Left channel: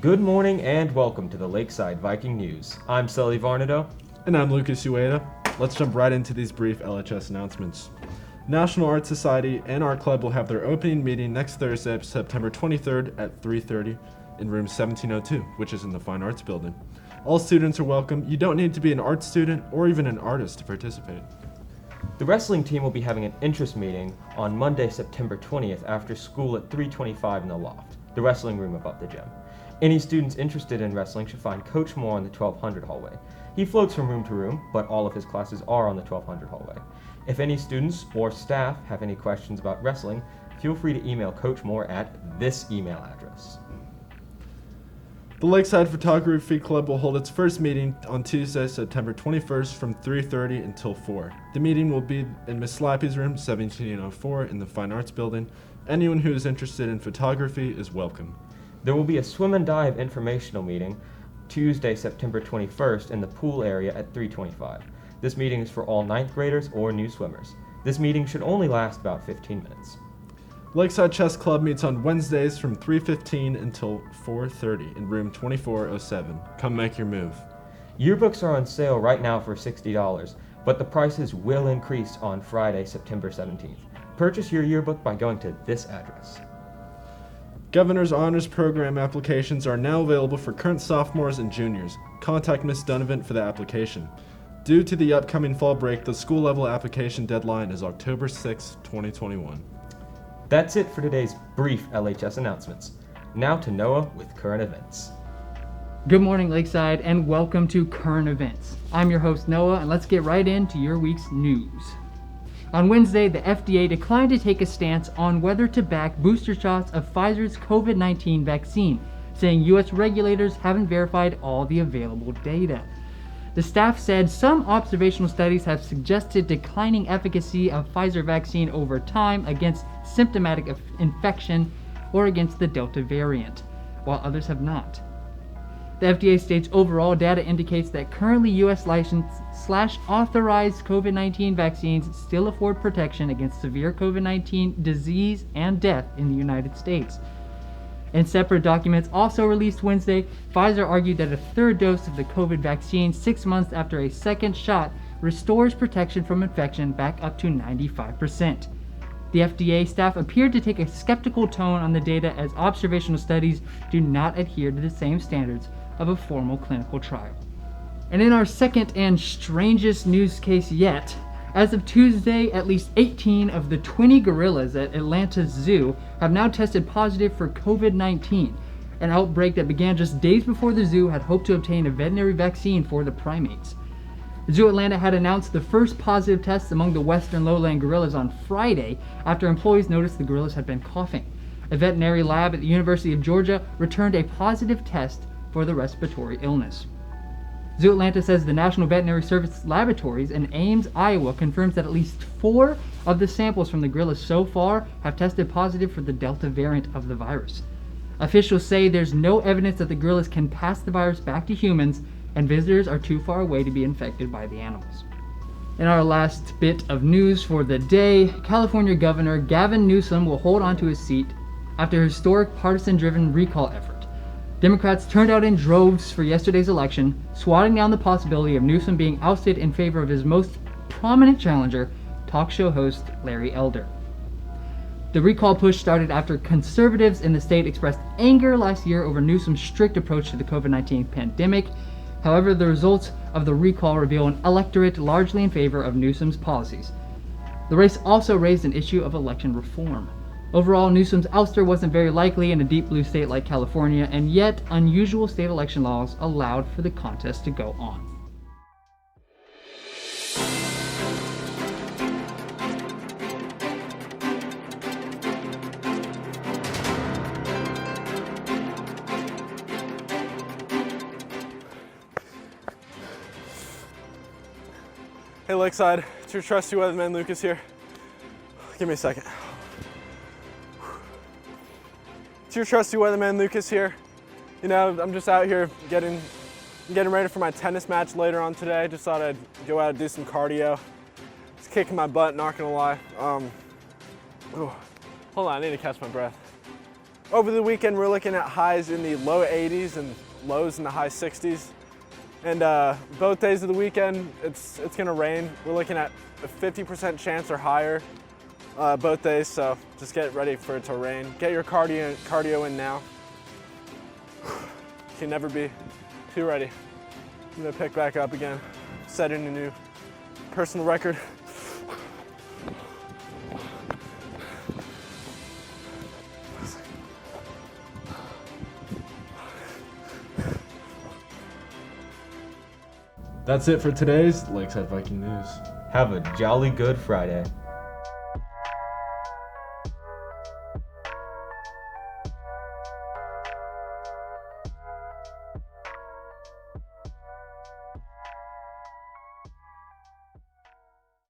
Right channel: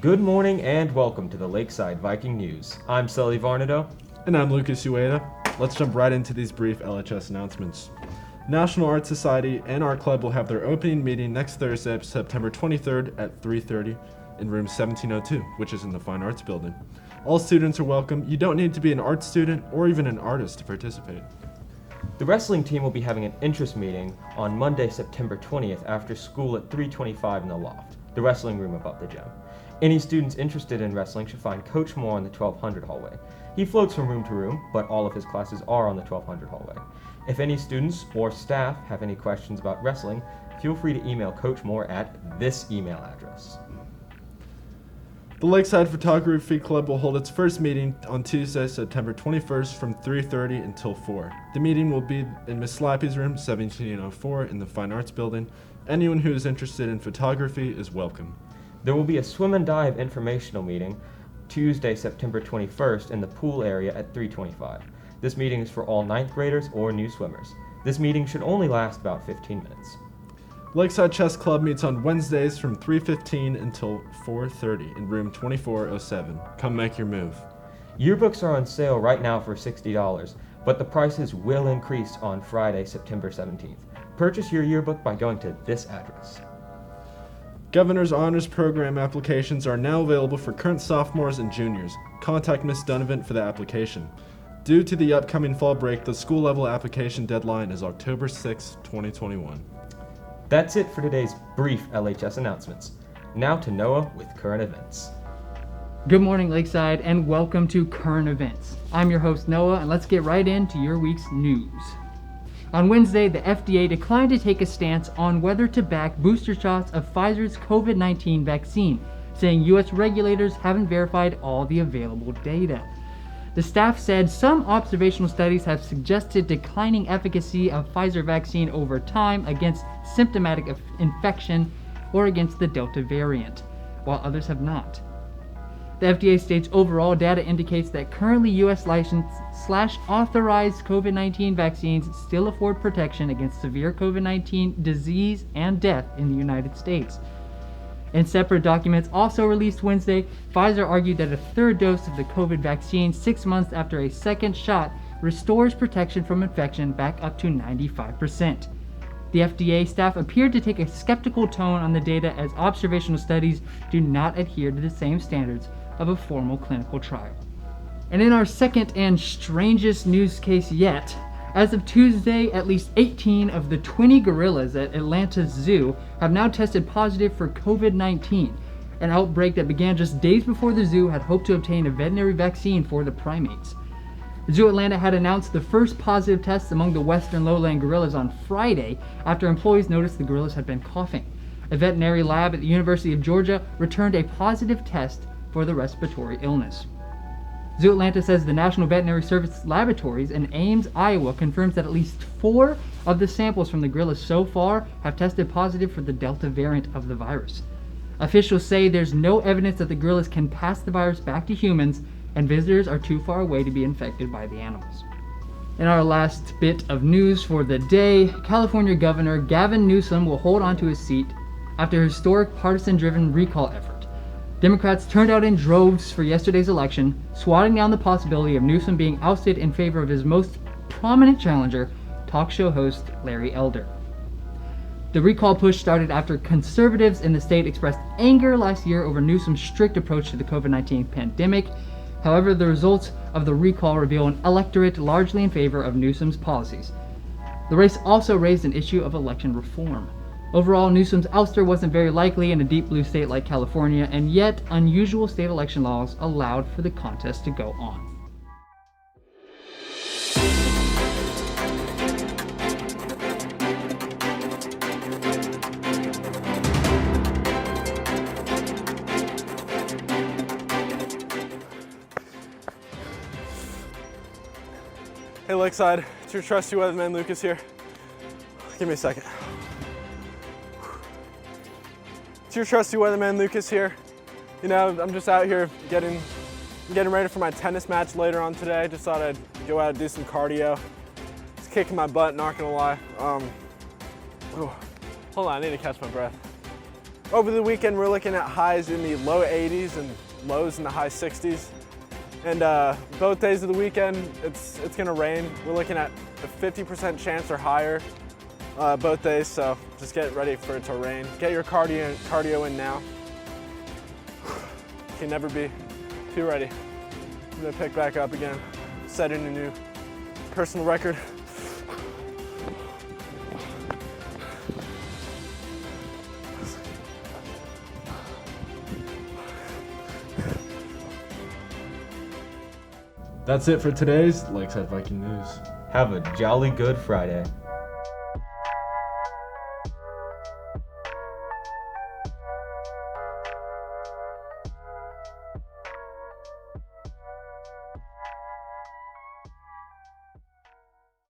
Good morning and welcome to the Lakeside Viking News. I'm Sully Varnado. And I'm Lucas Ueda. Let's jump right into these brief LHS announcements. National Art Society and Art Club will have their opening meeting next Thursday, September 23rd at 3:30 in room 1702, which is in the Fine Arts Building. All students are welcome. You don't need to be an art student or even an artist to participate. The wrestling team will be having an interest meeting on Monday, September 20th after school at 325 in the loft, the wrestling room above the gym. Any students interested in wrestling should find Coach Moore in the 1200 hallway. He floats from room to room, but all of his classes are on the 1200 hallway. If any students or staff have any questions about wrestling, feel free to email Coach Moore at this email address. The Lakeside Photography Club will hold its first meeting on Tuesday, September 21st from 3:30 until 4. The meeting will be in Miss Slappy's room, 1704 in the Fine Arts Building. Anyone who is interested in photography is welcome. There will be a swim and dive informational meeting Tuesday, September 21st in the pool area at 325. This meeting is for all 9th graders or new swimmers. This meeting should only last about 15 minutes. Lakeside Chess Club meets on Wednesdays from 3:15 until 4:30 in room 2407. Come make your move. Yearbooks are on sale right now for $60, but the prices will increase on Friday, September 17th. Purchase your yearbook by going to this address. Governor's Honors Program applications are now available for current sophomores and juniors. Contact Ms. Donovan for the application. Due to the upcoming fall break, the school-level application deadline is October 6, 2021. That's it for today's brief LHS announcements. Now to Noah with current events. Good morning, Lakeside, and welcome to Current Events. I'm your host, Noah, and let's get right into your week's news. On Wednesday, the FDA declined to take a stance on whether to back booster shots of Pfizer's COVID-19 vaccine, saying U.S. regulators haven't verified all the available data. The staff said some observational studies have suggested declining efficacy of Pfizer vaccine over time against symptomatic infection or against the Delta variant, while others have not. The FDA states overall data indicates that currently U.S. licensed/authorized COVID-19 vaccines still afford protection against severe COVID-19 disease and death in the United States. In separate documents also released Wednesday, Pfizer argued that a third dose of the COVID vaccine 6 months after a second shot restores protection from infection back up to 95%. The FDA staff appeared to take a skeptical tone on the data as observational studies do not adhere to the same standards of a formal clinical trial. And in our second and strangest news case yet, as of Tuesday, at least 18 of the 20 gorillas at Atlanta's zoo have now tested positive for COVID-19, an outbreak that began just days before the zoo had hoped to obtain a veterinary vaccine for the primates. Zoo Atlanta had announced the first positive tests among the western lowland gorillas on Friday after employees noticed the gorillas had been coughing. A veterinary lab at the University of Georgia returned a positive test for the respiratory illness. Zoo Atlanta says the National Veterinary Service Laboratories in Ames, Iowa confirms that at least 4 of the samples from the gorillas so far have tested positive for the Delta variant of the virus. Officials say there's no evidence that the gorillas can pass the virus back to humans, and visitors are too far away to be infected by the animals. In our last bit of news for the day, California Governor Gavin Newsom will hold on to his seat after a historic partisan-driven recall effort. Democrats turned out in droves for yesterday's election, swatting down the possibility of Newsom being ousted in favor of his most prominent challenger, talk show host Larry Elder. The recall push started after conservatives in the state expressed anger last year over Newsom's strict approach to the COVID-19 pandemic. However, the results of the recall reveal an electorate largely in favor of Newsom's policies. The race also raised an issue of election reform. Overall, Newsom's ouster wasn't very likely in a deep blue state like California, and yet unusual state election laws allowed for the contest to go on. Hey Lakeside, it's your trusty weatherman Lucas here. Give me a second. It's your trusty weatherman Lucas here. You know, I'm just out here getting ready for my tennis match later on today. Just thought I'd go out and do some cardio. It's kicking my butt, not gonna lie. Hold on, I need to catch my breath. Over the weekend, we're looking at highs in the low 80s and lows in the high 60s. And both days of the weekend, it's gonna rain. We're looking at a 50% chance or higher both days, so just get ready for it to rain. Get your cardio in now. Can never be too ready. I'm gonna pick back up again, setting a new personal record. That's it for today's Lakeside Viking News. Have a jolly good Friday.